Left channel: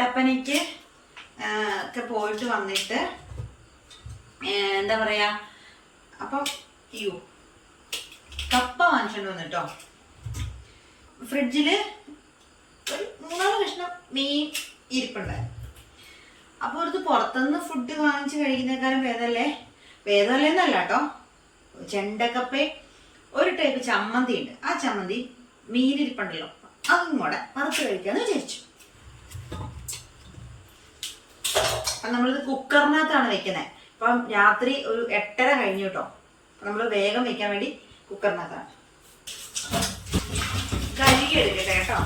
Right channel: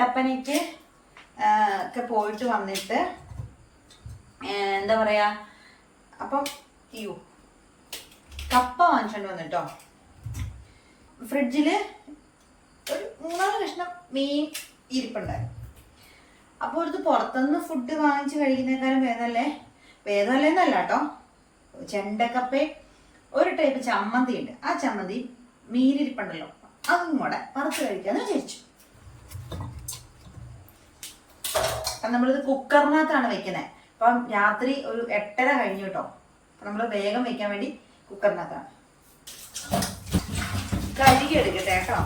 കട്ടപ്പനയ്ക്ക് ഒക്കെ പോയിട്ട് വന്നിട്ട് എന്താ പറയാ അപ്പം അയ്യോ കപ്പ വാങ്ങിച്ചോണ്ട് വന്നിട്ടോ. ഫ്രിഡ്ജിൽ ഒരു മൂന്നാൽ കഷ്ണം മീൻ ഇരിപ്പുണ്ടായിരുന്നു. അപ്പോൾ ഇത് പുറത്തുനിന്ന് ഫുഡ് വാങ്ങിച്ച് കഴിക്കുന്നേക്കാളും ഭേദമല്ലേ എന്നല്ല കേട്ടോ ചെണ്ടക്കപ്പേ ഒരു ടൈപ്പ് ചമ്മന്തി ഉണ്ട് ആ ചമ്മന്തി മീനിരിപ്പുണ്ടല്ലോ. അതും കൂടെ വറുത്ത് കഴിക്കാന്ന് വിചാരിച്ചു. അപ്പം നമ്മളിത് കുക്കറിനകത്താണ് വെക്കുന്നത് അപ്പം രാത്രി ഒരു എട്ടര കഴിഞ്ഞു കേട്ടോ നമ്മൾ വേഗം വെക്കാൻ വേണ്ടി കുക്കറിനകത്താണ് കഴുകി എടുക്കട്ടെ കേട്ടോ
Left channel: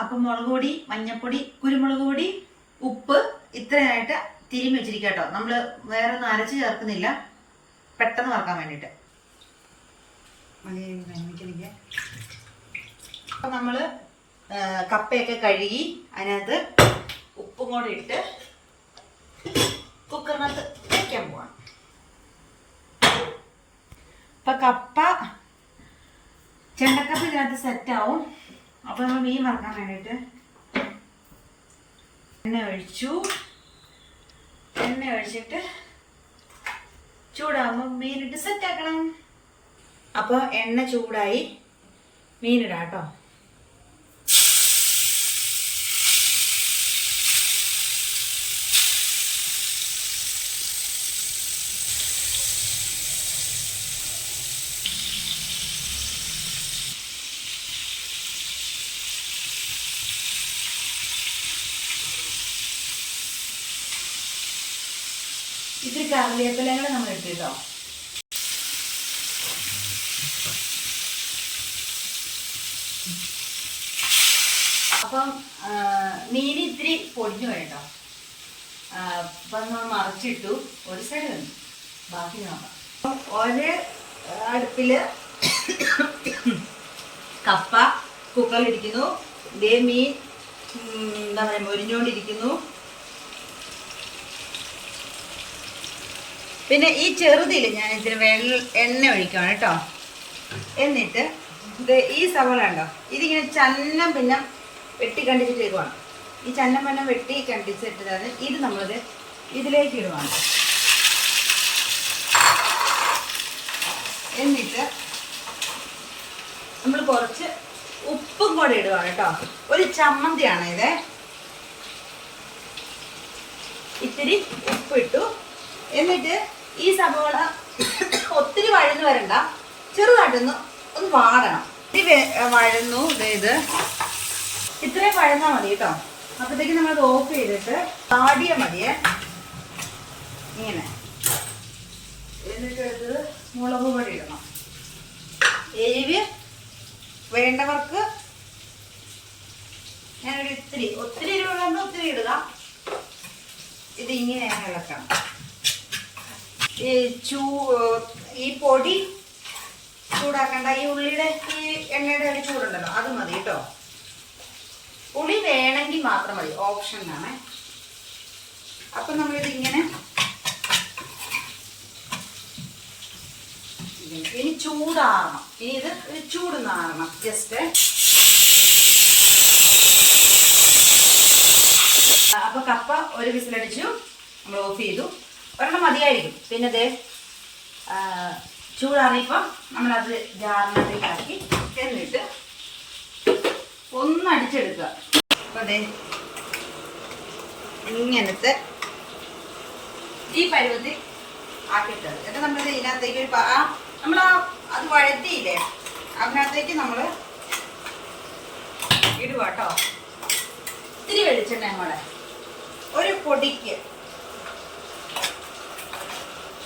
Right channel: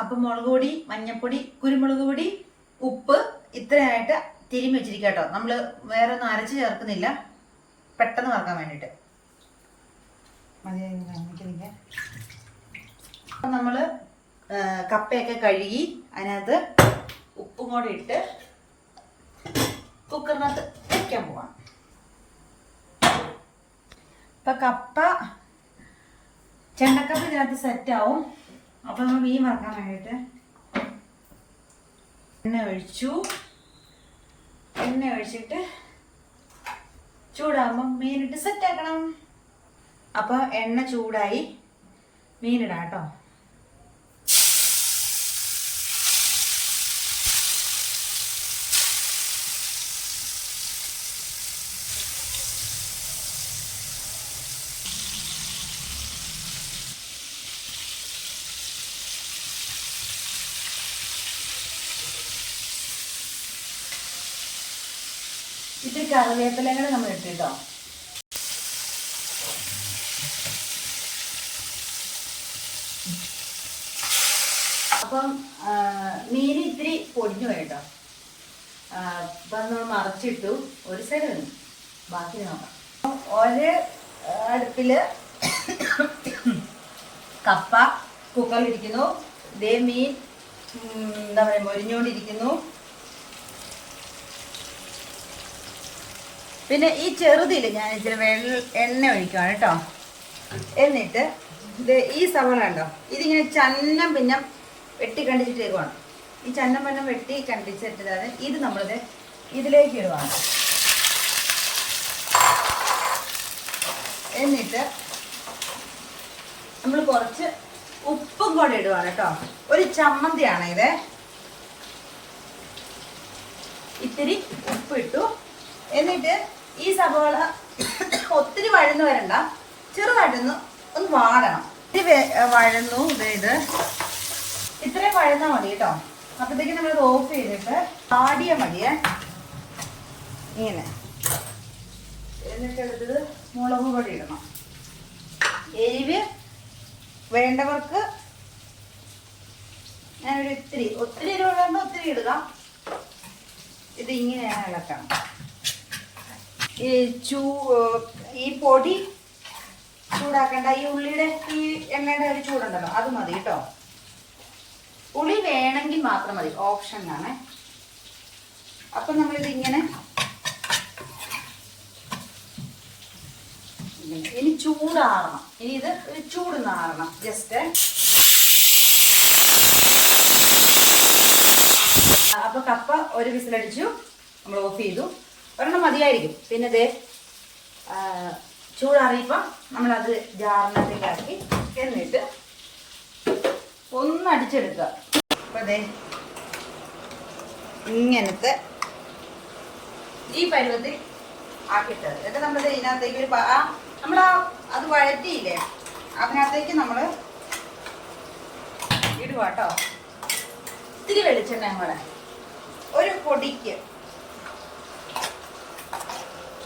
അപ്പം മുളക് പൊടി മഞ്ഞപ്പൊടി കുരുമുളക് പൊടി ഉപ്പ് ഇത്രയായിട്ട് തിരുമ്മി വെച്ചിരിക്കാം കേട്ടോ നമ്മൾ വേറെ ഒന്നും അരച്ച് ചേർക്കുന്നില്ല. പെട്ടെന്ന് വറക്കാൻ വേണ്ടിയിട്ട്. അപ്പം നമ്മൾ കപ്പയൊക്കെ കഴുകി അതിനകത്ത് ഉപ്പും കൂടെ ഇട്ട് കുക്കറിനകത്ത് വയ്ക്കാൻ പോവാം. അപ്പം കപ്പ ചെണ്ടക്കപ്പ ഇതിനകത്ത് സെറ്റാവും അപ്പൊ നമ്മൾ മീൻ വറക്കാൻ വേണ്ടിയിട്ട് എണ്ണ ഒഴിച്ചു. എണ്ണ ഒഴിച്ചിട്ട് ചൂടാകുമ്പോൾ മീനിട്ട് സെറ്റ് ആക്കണം. അപ്പോൾ എണ്ണ ചൂടായി മീനിടാം കേട്ടോ. ഇത്തിരി കറിവേപ്പിലകൾ നമ്മൾ കേട്ടോ അപ്പം മീൻ ഇത്തിരി പൊടിഞ്ഞു പോയി കേട്ടോ അപ്പം നമ്മൾ മറച്ചിട്ടു. ഒരു സൈഡ് വന്നു ബാക്കി നോക്കാം. ഒരു അടുപ്പിൽ കപ്പ കുക്കറിലിരിക്കുന്നു ഇതേ മീൻ എന്താ പറയുക മൊരിഞ്ഞുകൊണ്ടിരിക്കുന്നു. പിന്നെ ഈ ചെറുതിൽ ഞാൻ ഇച്ചിരി വെള്ള എണ്ണ ഒഴിക്കുകയാണ് കേട്ടോ. എന്നിട്ട് ഇത് ഈ സവാള ഉണ്ടോ? ഇതിങ്ങനെ ചന്നം പിന്നെ വെട്ടി കണ്ടിച്ചിട്ടേക്കുവാണ് ഈ ചന്നം പിന്നെ വെട്ടി കണ്ടിച്ചിട്ടതാണ് ഇത് നമ്മളത് ഇതിലേക്ക് ഇടുവാണ്. എന്നിട്ട് നമ്മൾ കുറച്ച് ഉപ്പും കൂടെ ഇടുവാണ് കേട്ടോ. ഒരു ചമ്മന്തിയാണ് ഇത്. ഇത്തിരി ഉപ്പിട്ടു. എന്നിട്ട് ഈ സബോള ഒത്തിരി വഴന്ന് വരണ്ട. ചെറുതായിട്ടൊന്ന് ഒന്ന് വാടണം. ഇത് വഴന്നു ഇത്. ഇത്രയും വഴന്നാ മതി കേട്ടോ. അപ്പോഴത്തേക്ക് നമ്മൾ ഓഫ് ചെയ്തിട്ട് ആടിയ മതിയേ. ഇങ്ങനെ. എന്നിട്ട് മുളക് പൊടി ഇടണം. എരിവ് വേണ്ടവർക്ക് ഞാനിവിടെ ഇത്തിരി ഒത്തിരി എരിവ് വേണ്ട ഒത്തിരി ഇടുക. ഇത് ഇങ്ങനെയാണ് ഇളക്കണം. ഈ ഈ പൊടി ചൂടാക്കണ്ട. ഈ ഉള്ളിയുടെ ഈ എണ്ണയുടെ ഒരു ചൂടുണ്ടല്ലോ അത് മതി കേട്ടോ. ഉള്ളി വേണമെങ്കിൽ മാത്രം മതി ഓപ്ഷൻ ആണ്. അപ്പം നമ്മളിത് ഇങ്ങനെ ഇങ്ങനെ. ഇനി ചൂടാകണം ഇനി ഇത് ചൂടുന്നാകണം ജസ്റ്റ്. അപ്പൊ കപ്പ ഒരു വിസിലടിച്ചു നമ്മൾ ഓഫ് ചെയ്തു. ഒരെണ്ണം മതിയായിരിക്കും. പിന്നെ ഇത് ചൂടാറിയപ്പോൾ നമ്മളത് ജാറിനകത്തേക്കാക്കി എന്നിട്ട് ഒന്ന് അടിച്ചെടുക്കുക. അപ്പോൾ അതെ ഇങ്ങനത്തെ ഈ പരുവത്തിൽ ആക്കിയിട്ടത്. എന്നിട്ട് നമ്മളിത് ഇതിനകത്തേക്ക് ഒരു നമ്മൾ അത് വഴറ്റിയില്ലേ അതിനകത്തേക്ക് നമ്മൾ ഇടുക കേട്ടോ ഇത്തിരി വെളിച്ചെണ്ണ നമ്മളെ ഒരു പൊടിക്ക്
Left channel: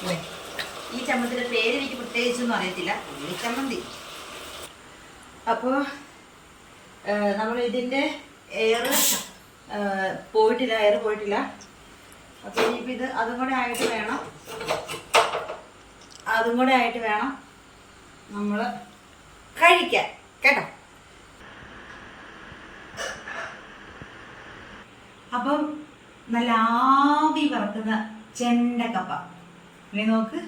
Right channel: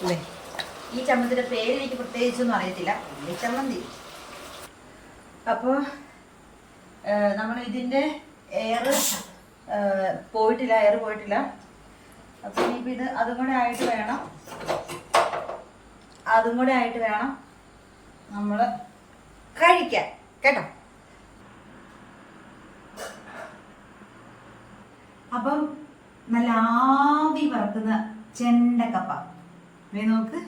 ഈ ചമ്മന്തിയുടെ പേര് എനിക്ക് പ്രത്യേകിച്ചൊന്നും അറിയത്തില്ല. ഉള്ളി ചമ്മന്തി. അപ്പോൾ നമ്മൾ ഇതിന്റെ എയർ പോയിട്ടില്ല എയർ പോയിട്ടില്ല. അപ്പോൾ ഇനിയിപ്പോൾ ഇത് അതും കൂടെ ആയിട്ട് വേണം. അതും കൂടെ ആയിട്ട് വേണം നമ്മൾ കഴിക്കാൻ. കേട്ടോ? അപ്പം നല്ല ആവി പറക്കുന്ന ചെണ്ടക്കപ്പ ഇനി നോക്ക്.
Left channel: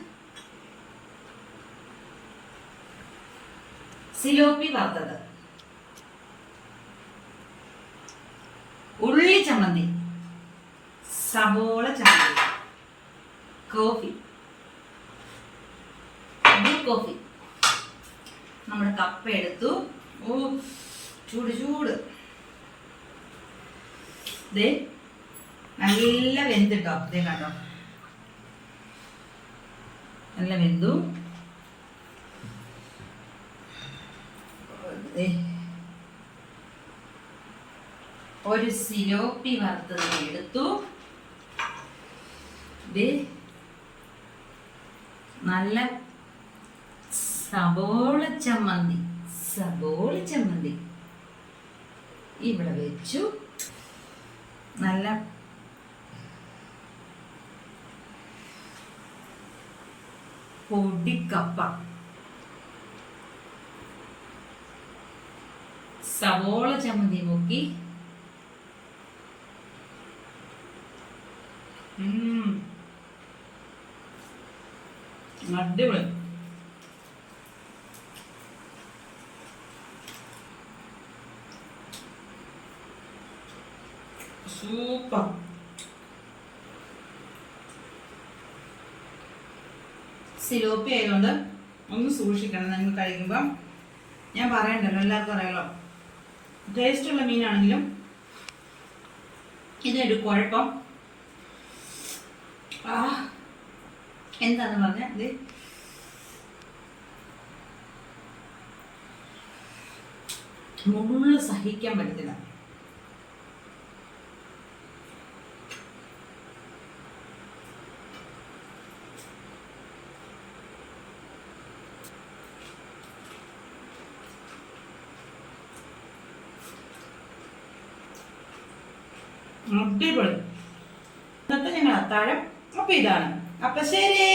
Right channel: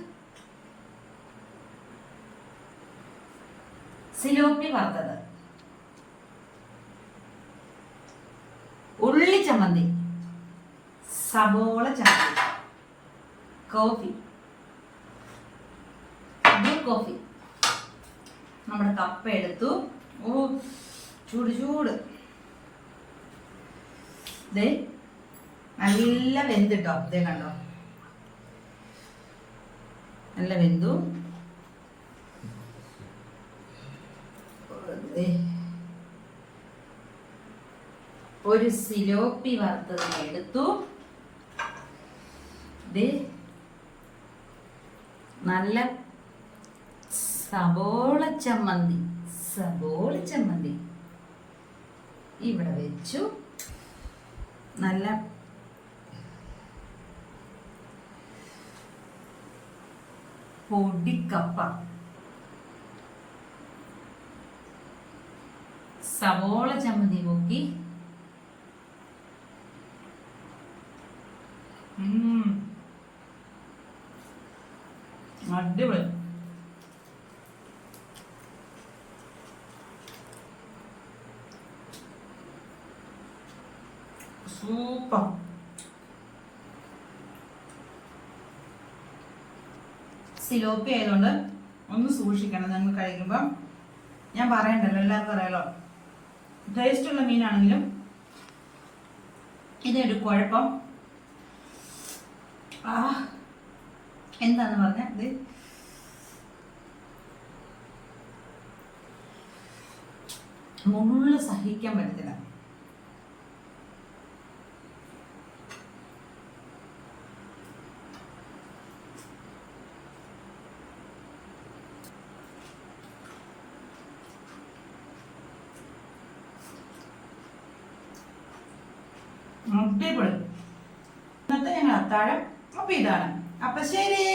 സിലോപ്പി വറുത്തത്. ഉള്ളി ചമ്മന്തി. സബോള ചമ്മന്തി. കോഫി. Blue coffee. നമ്മുടെ കപ്പ എടുത്തു. ഓ ചൂട് ചൂട്. ദേ നല്ല വെന്തിട്ടോ ദേ കണ്ടോ? നല്ല വെന്തു. ഒരു സിലോപ്പി വറുത്തത് എടുത്തു. നല്ല സബോള ചമ്മന്തി സബോള ചമ്മന്തി. ഇവിടെ വെച്ചു. നല്ല പൊടിക്കപ്പ. സവോള ചമ്മന്തി മുക്കി. അടിപൊളി. സൂപ്പർ. സിലോപ്പി ആയതുകൊണ്ട് ഒന്ന് സൂക്ഷിക്കണം. നിങ്ങൾ കഴിക്കുമ്പം ഞാൻ പറയണ്ടല്ലോ എല്ലാവർക്കും അറിയാലോ. ടേസ്റ്റുള്ള മീനാണെങ്കിലും ഇതിനൊരു കുഴപ്പം. ആ എന്താന്ന് പറഞ്ഞ ഇത്? മുള്ളു സഹിക്കാൻ പറ്റത്തില്ല. അടിപൊളി ഇന്നത്തെ ഞങ്ങൾ അത്താഴം അപ്പൊ ഇതാണ്. അപ്പൊ ശരി.